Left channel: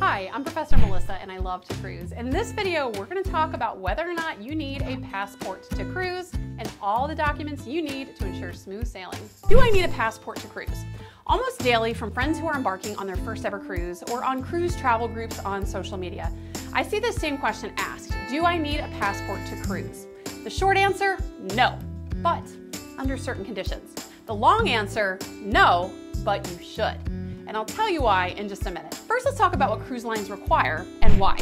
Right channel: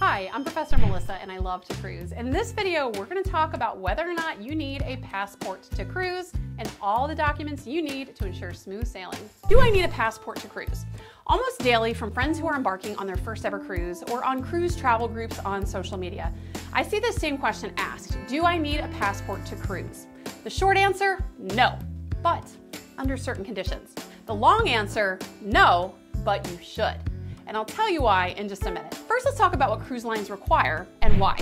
Hi, I'm Professor Melissa and I love to cruise. In this video, we're going to talk about whether or not you need a passport to cruise and all the documents you need to ensure smooth sailing. Do I need a passport to cruise? Almost daily from friends who are embarking on their first ever cruise or on cruise travel groups on social media, I see this same question asked: do I need a passport to cruise? The short answer, no, but under certain conditions. The long answer, no, but you should. And I'll tell you why in just a minute. First, let's talk about what cruise lines require and why.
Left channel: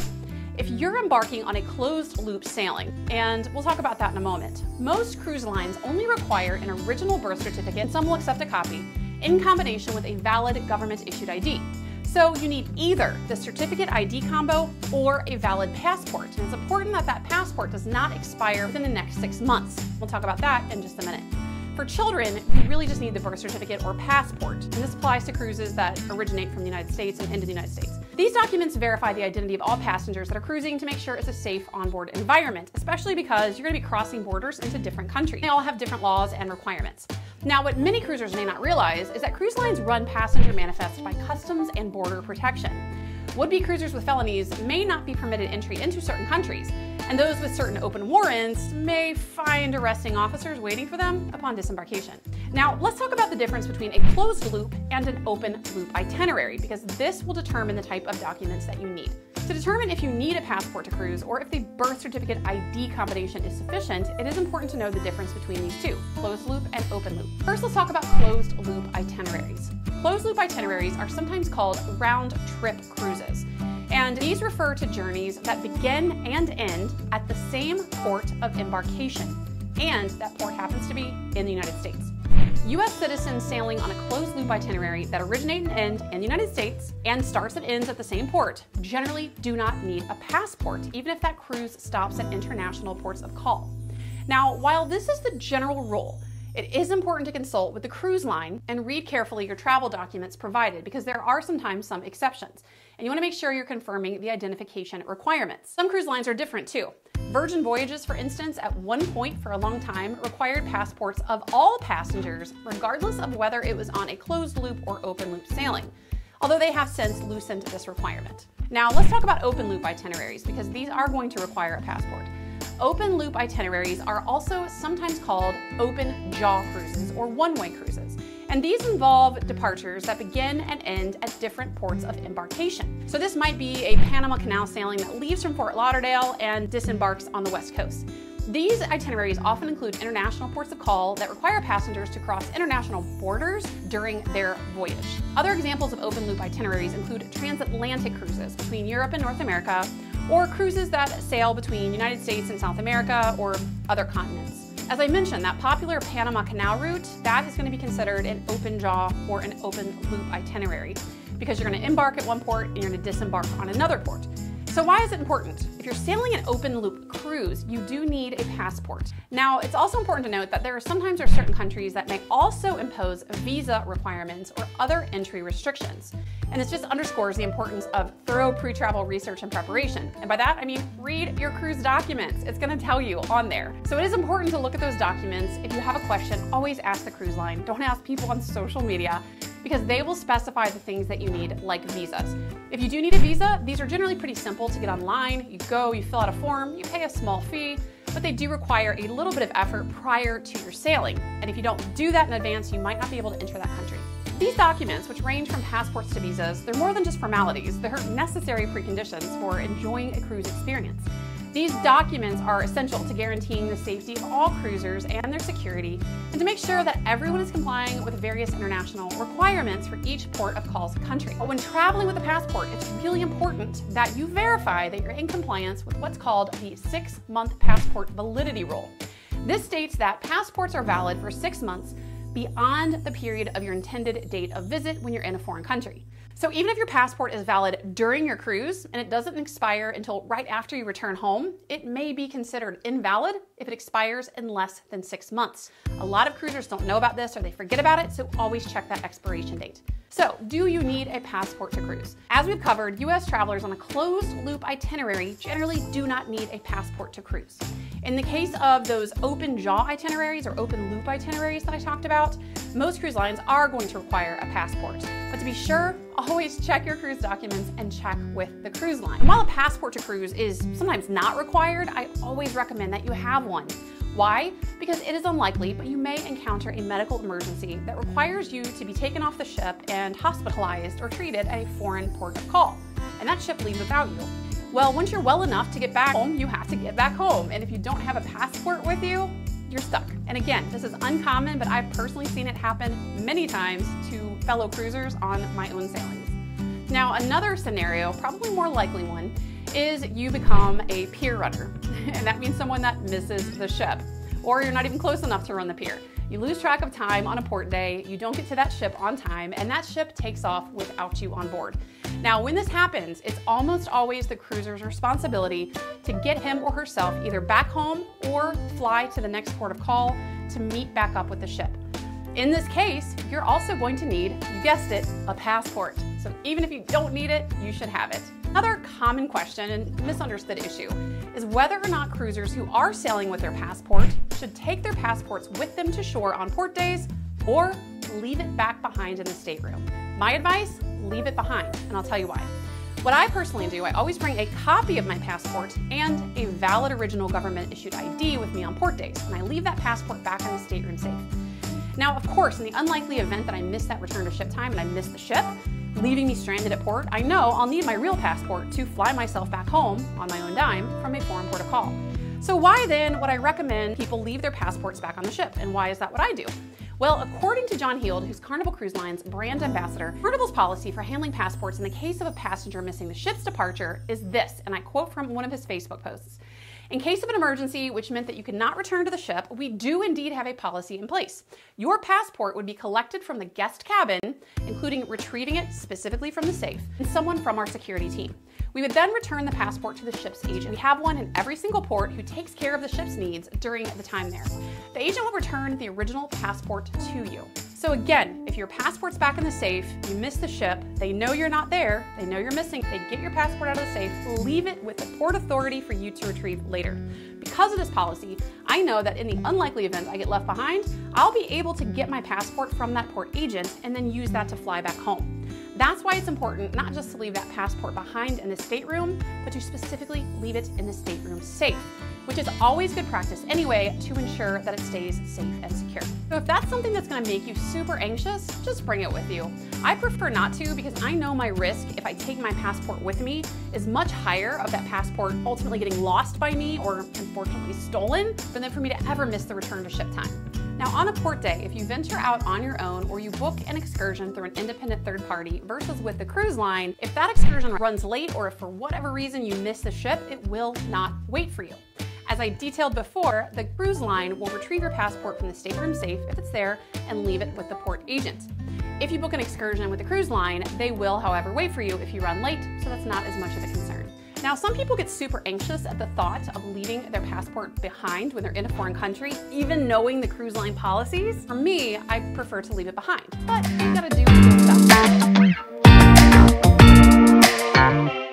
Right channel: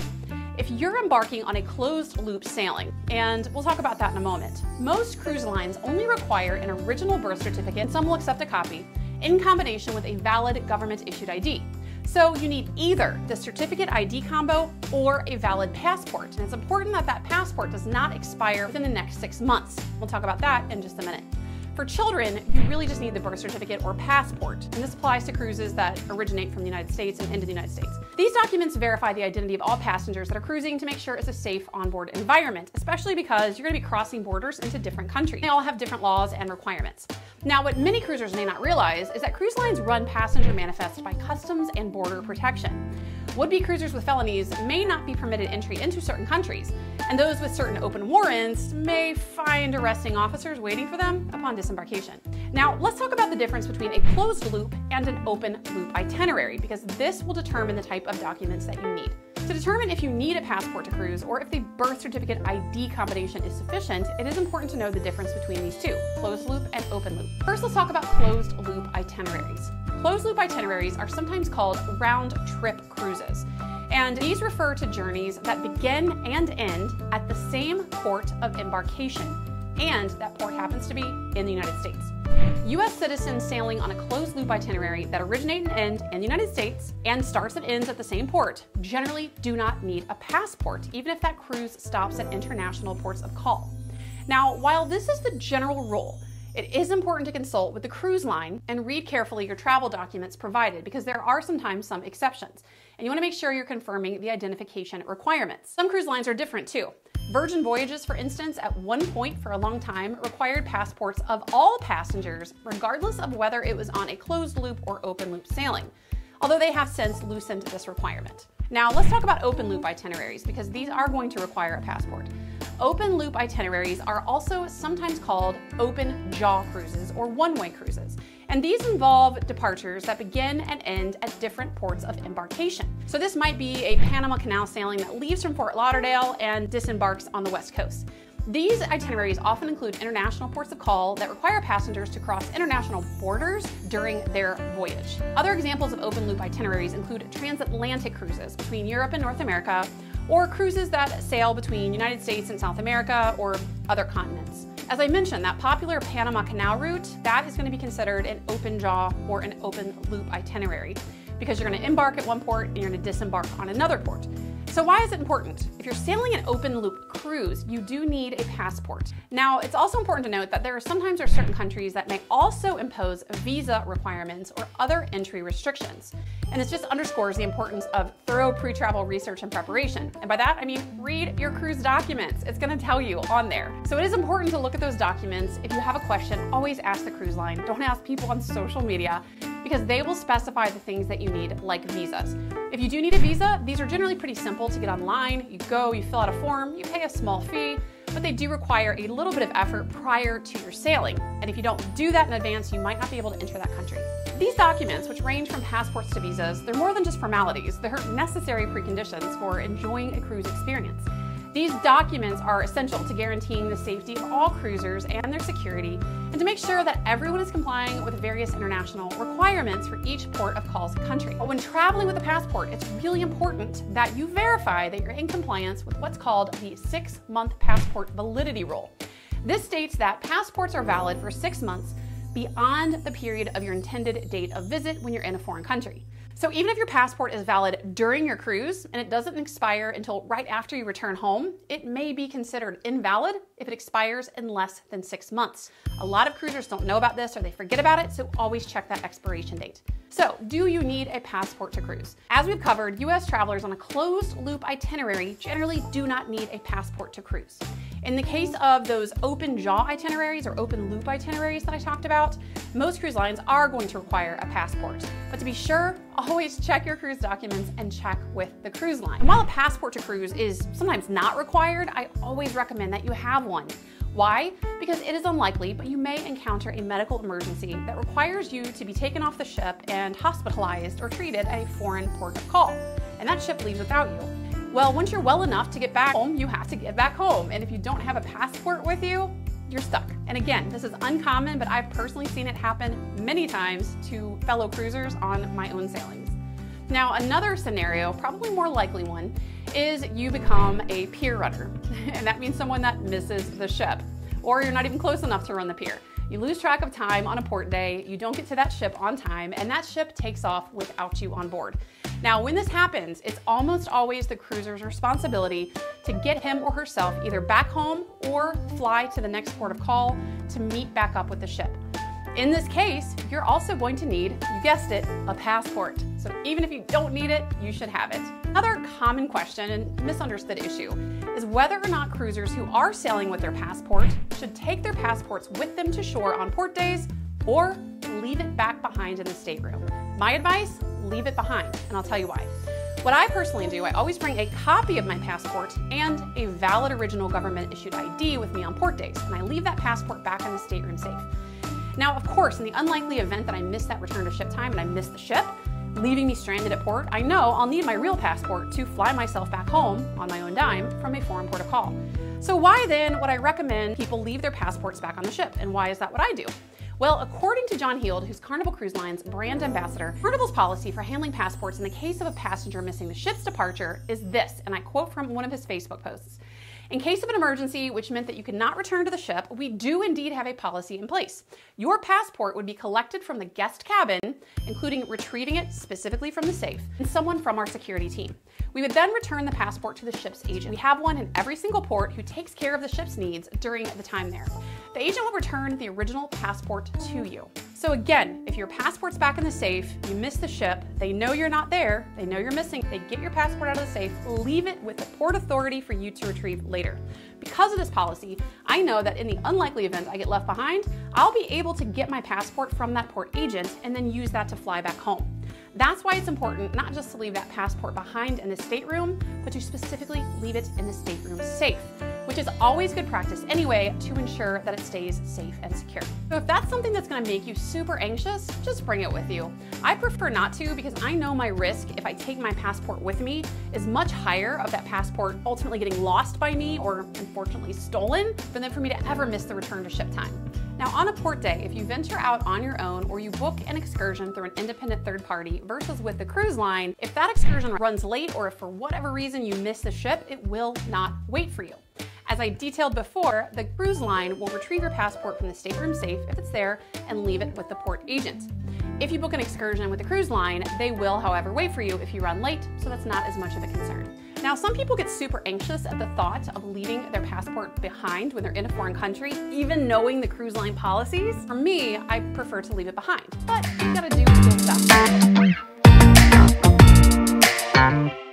If you're embarking on a closed loop sailing, and we'll talk about that in a moment, most cruise lines only require an original birth certificate, and some will accept a copy, in combination with a valid government-issued ID. So you need either the certificate ID combo or a valid passport. And it's important that that passport does not expire within the next 6 months. We'll talk about that in just a minute. For children, you really just need the birth certificate or passport, and this applies to cruises that originate from the United States and into the United States. These documents verify the identity of all passengers that are cruising to make sure it's a safe onboard environment, especially because you're going to be crossing borders into different countries. They all have different laws and requirements. Now, what many cruisers may not realize is that cruise lines run passenger manifests by Customs and Border Protection. Would-be cruisers with felonies may not be permitted entry into certain countries, and those with certain open warrants may find arresting officers waiting for them upon disembarkation. Now, let's talk about the difference between a closed loop and an open loop itinerary, because this will determine the type of documents that you need. To determine if you need a passport to cruise or if the birth certificate ID combination is sufficient, it is important to know the difference between these two, closed loop and open loop. First, let's talk about closed loop itineraries. Closed loop itineraries are sometimes called round-trip cruises, and these refer to journeys that begin and end at the same port of embarkation, and that port happens to be in the United States. U.S. citizens sailing on a closed loop itinerary that originate and end in the United States and starts and ends at the same port generally do not need a passport, even if that cruise stops at international ports of call. Now, while this is the general rule, it is important to consult with the cruise line and read carefully your travel documents provided, because there are sometimes some exceptions, and you want to make sure you're confirming the identification requirements. Some cruise lines are different too. Virgin Voyages, for instance, at one point for a long time required passports of all passengers, regardless of whether it was on a closed loop or open loop sailing, although they have since loosened this requirement. Now, let's talk about open loop itineraries, because these are going to require a passport. Open loop itineraries are also sometimes called open jaw cruises or one-way cruises. And these involve departures that begin and end at different ports of embarkation. So this might be a Panama Canal sailing that leaves from Fort Lauderdale and disembarks on the West Coast. These itineraries often include international ports of call that require passengers to cross international borders during their voyage. Other examples of open loop itineraries include transatlantic cruises between Europe and North America, or cruises that sail between United States and South America or other continents. As I mentioned, that popular Panama Canal route, that is going to be considered an open jaw or an open loop itinerary, because you're going to embark at one port and you're going to disembark on another port. So why is it important? If you're sailing an open loop cruise, you do need a passport. Now, it's also important to note that there are sometimes certain countries that may also impose visa requirements or other entry restrictions. And this just underscores the importance of thorough pre-travel research and preparation. And by that, I mean read your cruise documents. It's going to tell you on there. So it is important to look at those documents. If you have a question, always ask the cruise line. Don't ask people on social media, because they will specify the things that you need, like visas. If you do need a visa, these are generally pretty simple to get online. You go, you fill out a form, you pay a small fee, but they do require a little bit of effort prior to your sailing. And if you don't do that in advance, you might not be able to enter that country. These documents, which range from passports to visas, they're more than just formalities. They're necessary preconditions for enjoying a cruise experience. These documents are essential to guaranteeing the safety of all cruisers and their security, and to make sure that everyone is complying with various international requirements for each port of call's country. But when traveling with a passport, it's really important that you verify that you're in compliance with what's called the 6-month passport validity rule. This states that passports are valid for 6 months beyond the period of your intended date of visit when you're in a foreign country. So even if your passport is valid during your cruise and it doesn't expire until right after you return home, it may be considered invalid if it expires in less than 6 months. A lot of cruisers don't know about this or they forget about it, so always check that expiration date. So, do you need a passport to cruise? As we've covered, U.S. travelers on a closed-loop itinerary generally do not need a passport to cruise. In the case of those open jaw itineraries or open loop itineraries that I talked about, about, most cruise lines are going to require a passport. But to be sure, always check your cruise documents and check with the cruise line. And while a passport to cruise is sometimes not required, I always recommend that you have one. Why? Because it is unlikely, but you may encounter a medical emergency that requires you to be taken off the ship and hospitalized or treated at a foreign port of call. And that ship leaves without you. Well, once you're well enough to get back home, you have to get back home. And if you don't have a passport with you, you're stuck. And again, this is uncommon, but I've personally seen it happen many times to fellow cruisers on my own sailings. Now, another scenario, probably more likely one, is you become a pier runner. And that means someone that misses the ship, or you're not even close enough to run the pier. You lose track of time on a port day, you don't get to that ship on time, and that ship takes off without you on board. Now, when this happens, it's almost always the cruiser's responsibility to get him or herself either back home or fly to the next port of call to meet back up with the ship. In this case, you're also going to need, you guessed it, a passport. So even if you don't need it, you should have it. Another common question and misunderstood issue is whether or not cruisers who are sailing with their passport should take their passports with them to shore on port days or leave it back behind in the stateroom. My advice, leave it behind, and I'll tell you why. What I personally do, I always bring a copy of my passport and a valid original government issued ID with me on port days, and I leave that passport back in the stateroom safe. Now, of course, in the unlikely event that I miss that return to ship time and I miss the ship, leaving me stranded at port, I know I'll need my real passport to fly myself back home on my own dime from a foreign port of call. So why then would I recommend people leave their passports back on the ship, and why is that what I do? Well, according to John Heald, who's Carnival Cruise Line's brand ambassador, Carnival's policy for handling passports in the case of a passenger missing the ship's departure is this, and I quote from one of his Facebook posts. In case of an emergency, which meant that you could not return to the ship, we do indeed have a policy in place. Your passport would be collected from the guest cabin, including retrieving it specifically from the safe, and someone from our security team. We would then return the passport to the ship's agent. We have one in every single port who takes care of the ship's needs during the time there. The agent will return the original passport to you. So again, if your passport's back in the safe, you miss the ship, they know you're not there, they know you're missing, they get your passport out of the safe, leave it with the port authority for you to retrieve later. Because of this policy, I know that in the unlikely event I get left behind, I'll be able to get my passport from that port agent and then use that to fly back home. That's why it's important not just to leave that passport behind in the stateroom, but to specifically leave it in the stateroom safe, which is always good practice anyway to ensure that it stays safe and secure. So if that's something that's gonna make you super anxious, just bring it with you. I prefer not to because I know my risk if I take my passport with me is much higher of that passport ultimately getting lost by me or unfortunately stolen than for me to ever miss the return to ship time. Now on a port day, if you venture out on your own or you book an excursion through an independent third party versus with the cruise line, if that excursion runs late or if for whatever reason you miss the ship, it will not wait for you. As I detailed before, the cruise line will retrieve your passport from the stateroom safe if it's there and leave it with the port agent. If you book an excursion with the cruise line, they will, however, wait for you if you run late, so that's not as much of a concern. Now, some people get super anxious at the thought of leaving their passport behind when they're in a foreign country, even knowing the cruise line policies. For me, I prefer to leave it behind, but you gotta do your stuff.